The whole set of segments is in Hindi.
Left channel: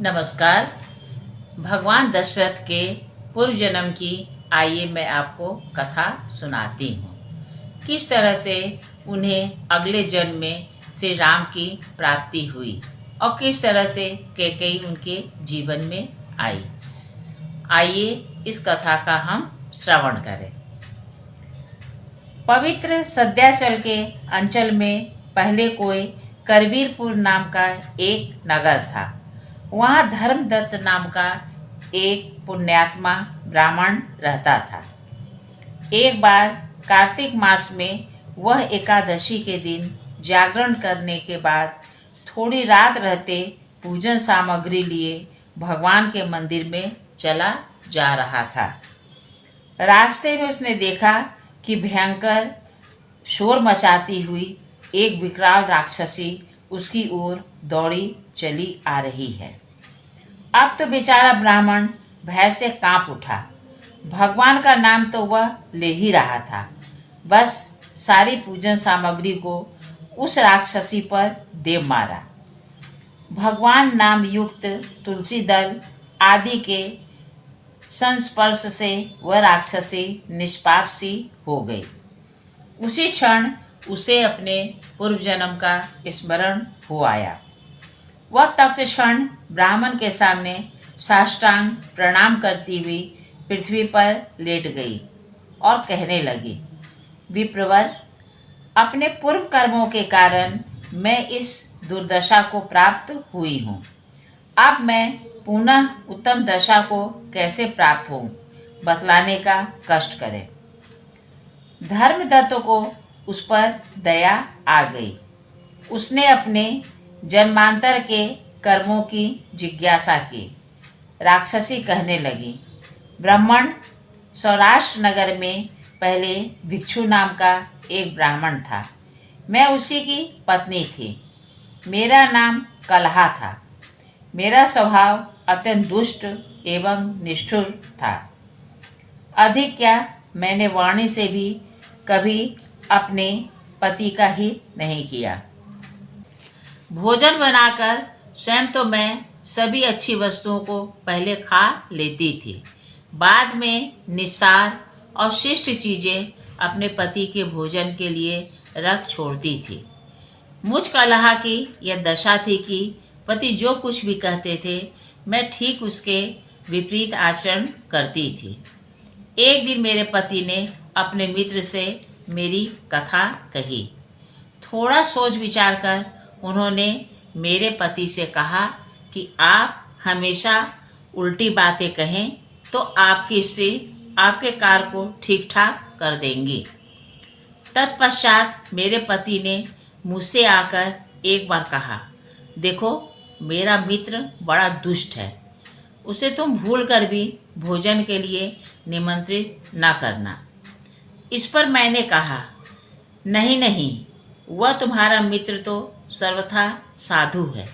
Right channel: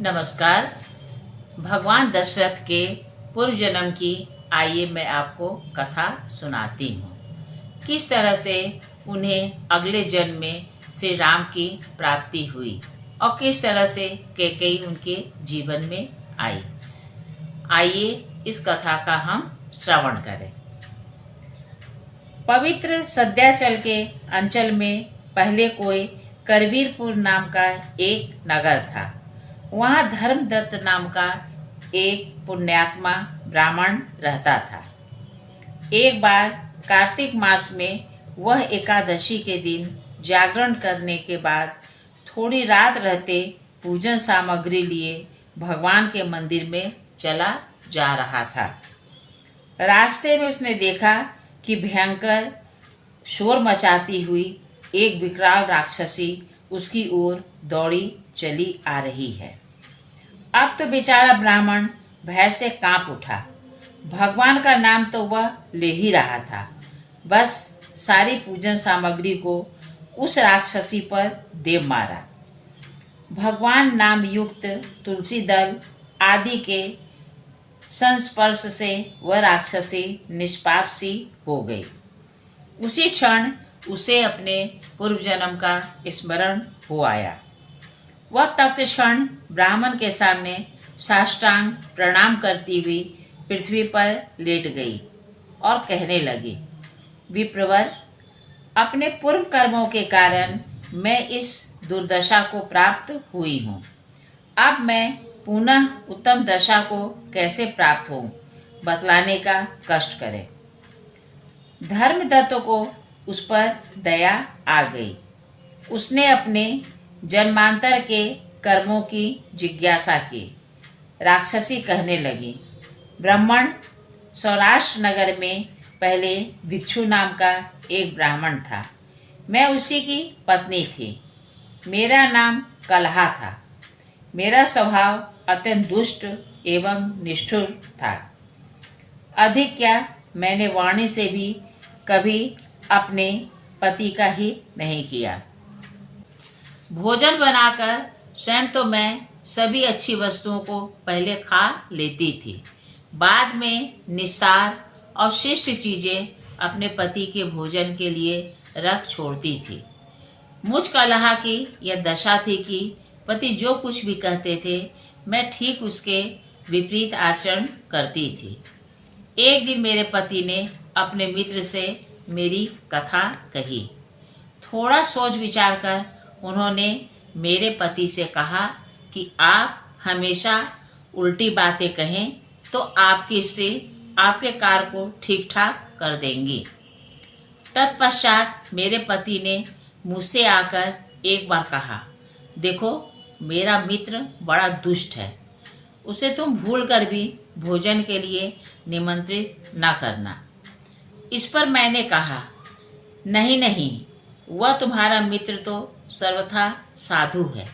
नमस्कार। भगवान दशरथ के पूर्व जन्म की आइए मैं आपको कथा सुनाती हूँ। किस तरह से उन्हें अगले जन्म में श्री राम की प्राप्ति हुई और किस तरह से कैकेयी उनके जीवन में आई। आइए इस कथा का हम श्रवण करें। पवित्र सध्याचल के अंचल में पहले कोई करवीरपुर नाम का एक नगर था। वहाँ धर्मदत्त नाम का एक पुण्यात्मा ब्राह्मण रहता था। एक बार कार्तिक मास में वह एकादशी के दिन जागरण करने के बाद थोड़ी रात रहते पूजन सामग्री लिए भगवान के मंदिर में चला जा रहा था। रास्ते में उसने देखा कि भयंकर शोर मचाती हुई एक विकराल राक्षसी उसकी ओर दौड़ी चली आ रही है। अब तो बेचारा ब्राह्मण भय से कांप उठा। भगवान का नाम तो वह ले ही रहा था, बस सारी पूजन सामग्री को उस राक्षसी पर दे मारा। भगवान नाम युक्त तुलसी दल आदि के संस्पर्श से वह राक्षसी निष्पाप सी हो गई। उसी क्षण उसे अपने पूर्व जन्म का स्मरण हो आया। वह तत्क्षण ब्राह्मण के सामने साष्टांग प्रणाम करती हुई पृथ्वी पर लेट गई और कहने लगी, विप्रवर, अपने पूर्व कर्मों के कारण मैं इस दुर्दशा को प्राप्त हुई हूँ। अब मैं पुनः उत्तम दशा को कैसे प्राप्त हूँ, बतलाने का कष्ट करें। धर्मदत्त को उस पर दया आ गई। उसने अपने जन्मांतर के कर्मों की जिज्ञासा की। राक्षसी कहने लगी, ब्राह्मण, सौराष्ट्र नगर में पहले भिक्षु नाम का एक ब्राह्मण था। मैं उसी की पत्नी थी। मेरा नाम कलहा था। मेरा स्वभाव अत्यंत दुष्ट एवं निष्ठुर था। अधिक क्या, मैंने वाणी से भी कभी अपने पति का हित नहीं किया। भोजन बनाकर स्वयं तो मैं सभी अच्छी वस्तुओं को पहले खा लेती थी, बाद में निस्सार और शिष्ट चीजें अपने पति के भोजन के लिए रख छोड़ती थी। मुझ कलहा की यह दशा थी कि पति जो कुछ भी कहते थे मैं ठीक उसके विपरीत आचरण करती थी। एक दिन मेरे पति ने अपने मित्र से मेरी कथा कही। थोड़ा सोच विचार कर उन्होंने मेरे पति से कहा कि आप हमेशा उल्टी बातें कहें तो आपकी स्त्री आपके कार्य को ठीक ठाक कर देंगी। तत्पश्चात मेरे पति ने मुझसे आकर एक बार कहा, देखो, मेरा मित्र बड़ा दुष्ट है, उसे तुम भूल कर भी भोजन के लिए निमंत्रित न करना। इस पर मैंने कहा, नहीं नहीं, वह तुम्हारा मित्र तो सर्वथा साधु है,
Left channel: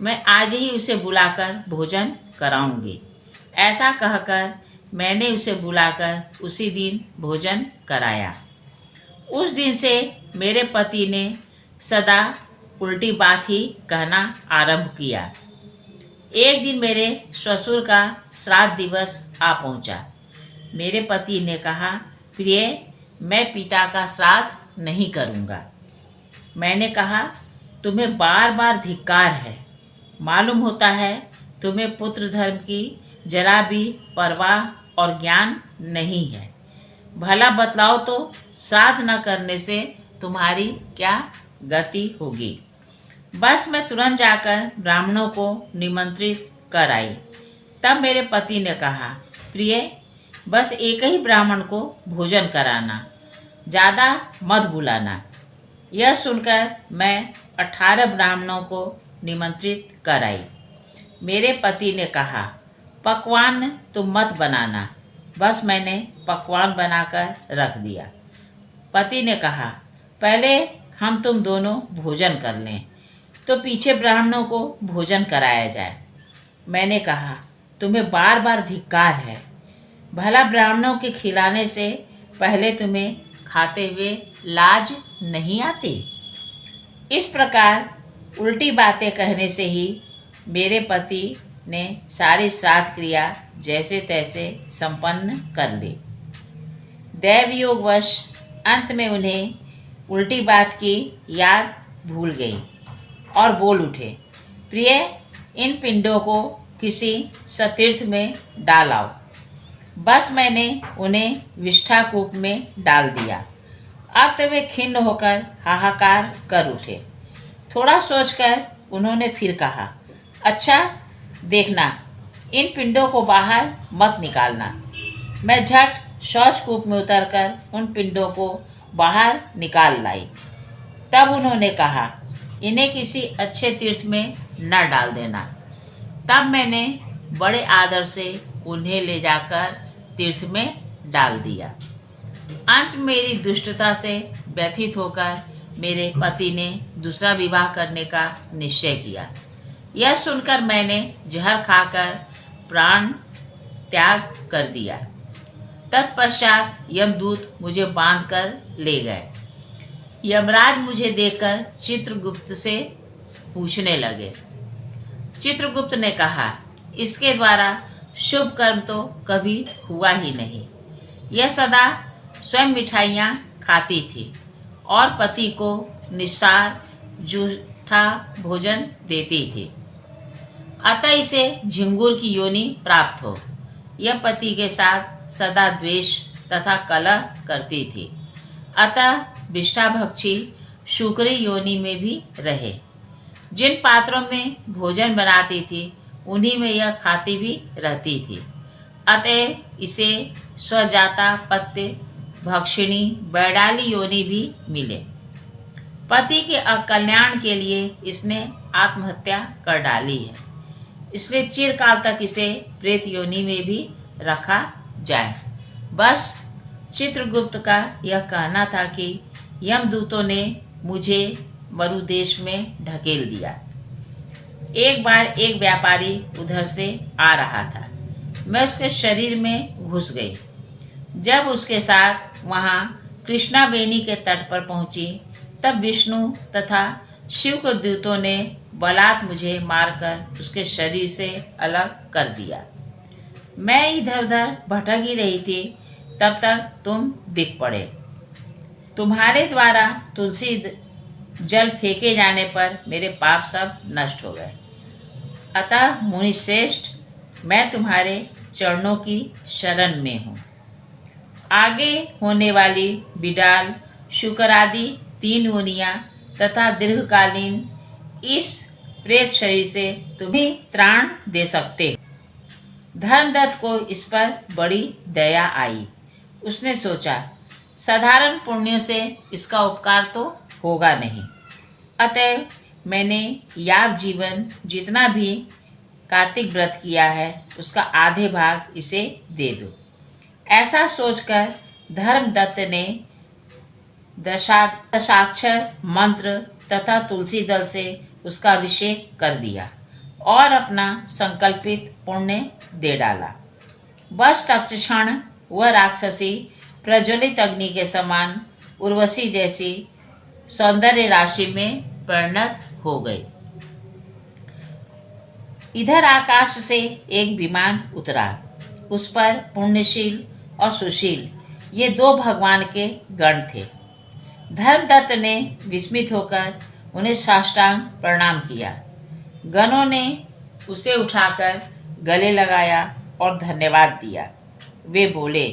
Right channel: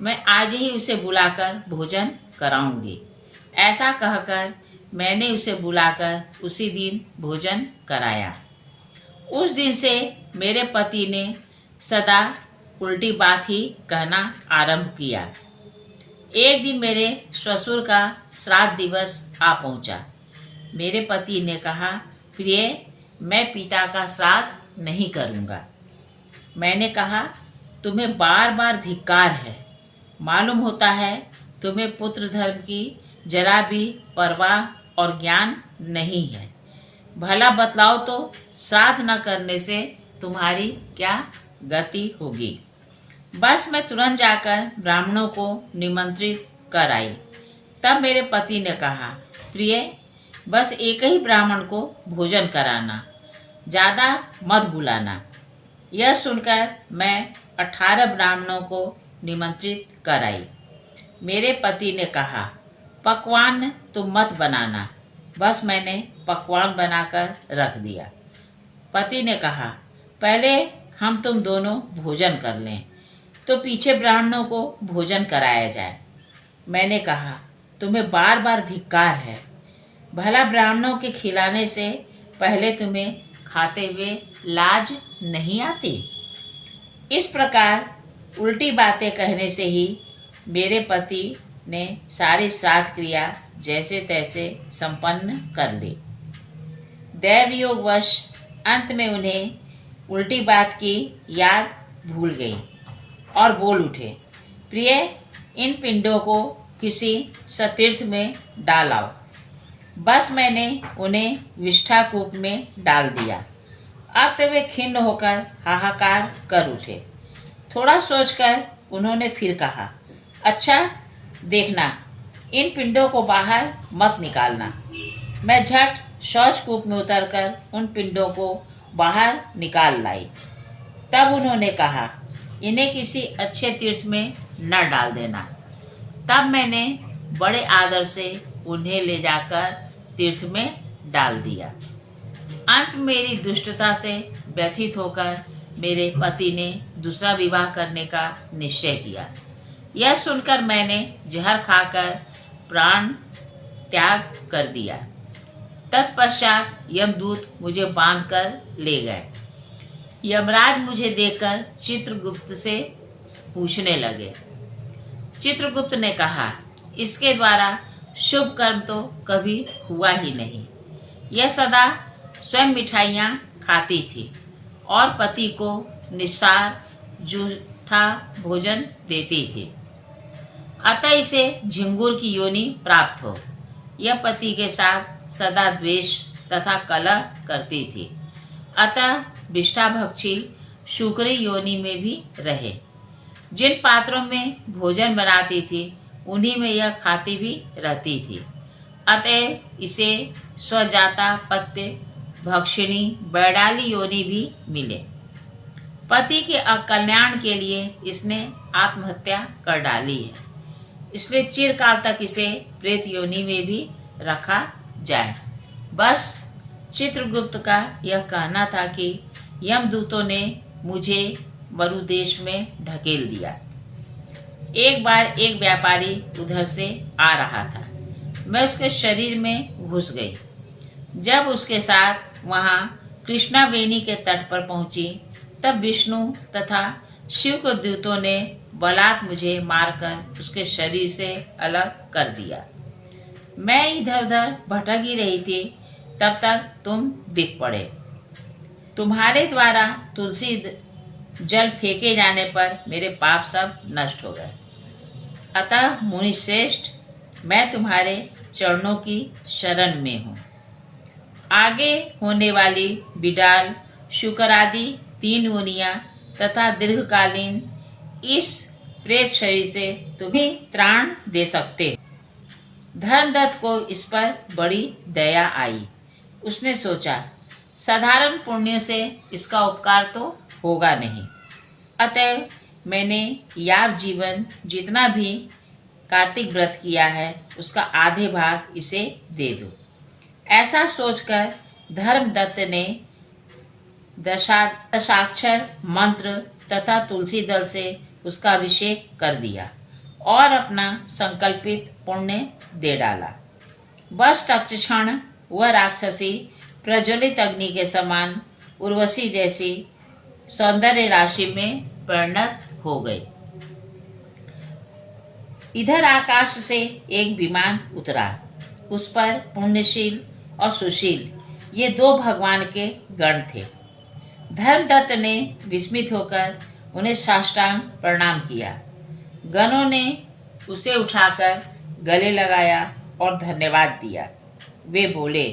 मैं आज ही उसे बुलाकर भोजन कराऊंगी। ऐसा कहकर मैंने उसे बुलाकर उसी दिन भोजन कराया। उस दिन से मेरे पति ने सदा उल्टी बात ही कहना आरंभ किया। एक दिन मेरे ससुर का श्राद्ध दिवस आ पहुंचा। मेरे पति ने कहा, प्रिय, मैं पिता का श्राद्ध नहीं करूंगा। मैंने कहा, तुम्हें बार बार धिक्कार है। मालूम होता है तुम्हें पुत्र धर्म की जरा भी परवाह और ज्ञान नहीं है। भला बतलाओ तो, श्राद्ध न करने से तुम्हारी क्या गति होगी। बस मैं तुरंत जाकर ब्राह्मणों को निमंत्रित कर आई। तब मेरे पति ने कहा, प्रिय, बस एक ही ब्राह्मण को भोजन कराना, ज़्यादा मत बुलाना। यह सुनकर मैं 18 ब्राह्मणों को निमंत्रित कर आई। मेरे पति ने कहा, पकवान तुम मत बनाना। बस मैंने पकवान बनाकर रख दिया। पति ने कहा, पहले हम तुम दोनों भोजन कर लें, तो पीछे ब्राह्मणों को भोजन कराया जाए। मैंने कहा, तुम्हें बार बार धिक्कार है। भला ब्राह्मणों के खिलाने से पहले तुम्हें खाते हुए लाज नहीं आती। इस प्रकार उल्टी बातें कहने से ही मेरे पति ने सारी श्राद्ध क्रिया जैसे तैसे संपन्न कर ली। दैव योगवश अंत में उन्हें उल्टी बात की याद भूल गई और बोल उठे, प्रिय, इन पिंडों को किसी सतीर्थ में डाल आओ। बस मैंने उन्हें विष्ठा कूप में डाल दिया। अब तो वे खिन्न होकर हाहाकार कर उठे। थोड़ा सोचकर उन्होंने फिर कहा, अच्छा देखना, इन पिंडों को बाहर मत निकालना। मैं झट शौचकूप में उतरकर उन पिंडों को बाहर निकाल लाई। तब उन्होंने कहा, इन्हें किसी अच्छे तीर्थ में न डाल देना। तब मैंने बड़े आदर से उन्हें ले जाकर तीर्थ में डाल दिया। अंत मेरी दुष्टता से व्यथित होकर मेरे पति ने दूसरा विवाह करने का निश्चय किया। यह सुनकर मैंने जहर खाकर प्राण त्याग कर दिया। तत्पश्चात यमदूत मुझे बांधकर ले गए। यमराज मुझे देखकर चित्रगुप्त से पूछने लगे। चित्रगुप्त ने कहा, इसके द्वारा शुभ कर्म तो कभी हुआ ही नहीं। यह सदा स्वयं मिठाइयाँ खाती थी और पति को निस्सार जूठा भोजन देती थी। अतः इसे झिंगुर की योनि प्राप्त हो। यह पति के साथ सदा द्वेष तथा कलह करती थी। अतः विष्ठाभक्षी शुक्री योनि में भी रहे। जिन पात्रों में भोजन बनाती थी उन्हीं में यह खाती भी रहती थी। अतः इसे स्वजाता पत्य भक्षिणी बैडाली योनि भी मिले। पति के अकल्याण के लिए इसने आत्महत्या कर डाली है, इसलिए चिरकाल तक इसे प्रेत योनि में भी रखा जाए। बस चित्रगुप्त का यह कहना था कि यमदूतों ने मुझे मरुदेश में ढकेल दिया। एक बार एक व्यापारी उधर से आ रहा था। मैं उसके शरीर में घुस गई। जब उसके साथ वहां कृष्णावेणी के तट पर पहुंची, तब विष्णु तथा शिव के दूतों ने बलात् मुझे मारकर उसके शरीर से अलग कर दिया। मैं इधर उधर भटक ही रही थी, तब तक तुम दिख पड़े। तुम्हारे द्वारा तुलसी जल फेंके जाने पर मेरे पाप सब नष्ट हो गए। अतः मुनि श्रेष्ठ, मैं तुम्हारे चरणों की शरण में हूँ। आगे होने वाली बिडाल, शुकर आदि 3 योनियां तथा दीर्घकालीन इस प्रेत शरीर से तुम्हें त्राण दे सकते हो। धर्मदत्त को इस पर बड़ी दया आई। उसने सोचा, साधारण पुण्यों से इसका उपकार तो होगा नहीं। अतः मैंने याव जीवन जितना भी कार्तिक व्रत किया है उसका आधे भाग इसे दे दो। ऐसा सोचकर धर्मदत्त ने दशाक्षर मंत्र तथा तुलसी दल से उसका अभिषेक कर दिया और अपना संकल्पित पुण्य दे डाला। बस तत्क्षण वह राक्षसी प्रज्वलित अग्नि के समान उर्वशी जैसी सौंदर्य राशि में परिणत हो गई। इधर आकाश से एक विमान उतरा। उस पर पुण्यशील और सुशील ये 2 भगवान के गण थे। धर्मदत्त ने विस्मित होकर उन्हें साष्टांग प्रणाम किया। गणों ने उसे उठाकर गले लगाया और धन्यवाद दिया। वे बोले,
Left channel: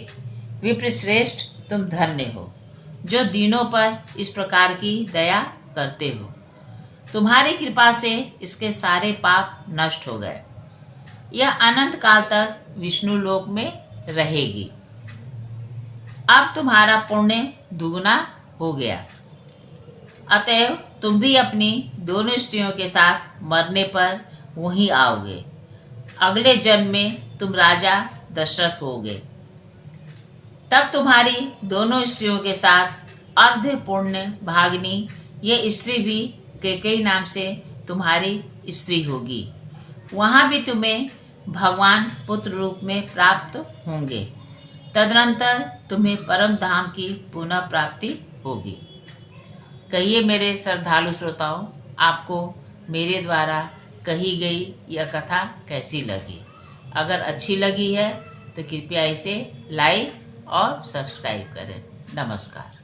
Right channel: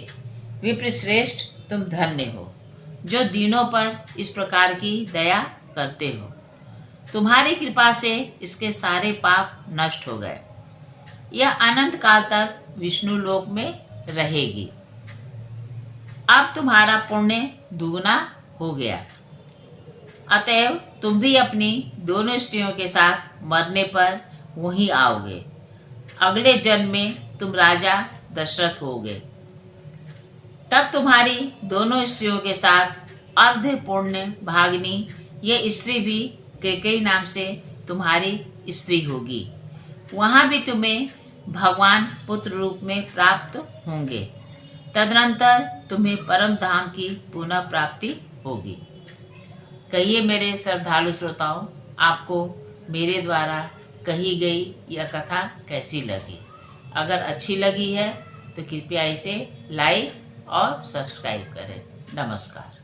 विप्रश्रेष्ठ, तुम धन्य हो जो दीनों पर इस प्रकार की दया करते हो। तुम्हारी कृपा से इसके सारे पाप नष्ट हो गए। यह अनंत काल तक विष्णु लोक में रहेगी। अब तुम्हारा पुण्य दुगना हो गया। अतएव तुम भी अपनी दोनों स्त्रियों के साथ मरने पर वहीं आओगे। अगले जन्म में तुम राजा दशरथ होगे। तब तुम्हारी दोनों स्त्रियों के साथ अर्ध पुण्य भागिनी ये स्त्री भी कैकेयी नाम से तुम्हारी स्त्री होगी। वहां भी तुम्हें भगवान पुत्र रूप में प्राप्त होंगे। तदनंतर तुम्हें परम धाम की पुनः प्राप्ति होगी। कहिए मेरे श्रद्धालु श्रोताओं, आपको मेरे द्वारा कही गई यह कथा कैसी लगी। अगर अच्छी लगी है तो कृपया इसे लाइक और सब्सक्राइब करें। नमस्कार।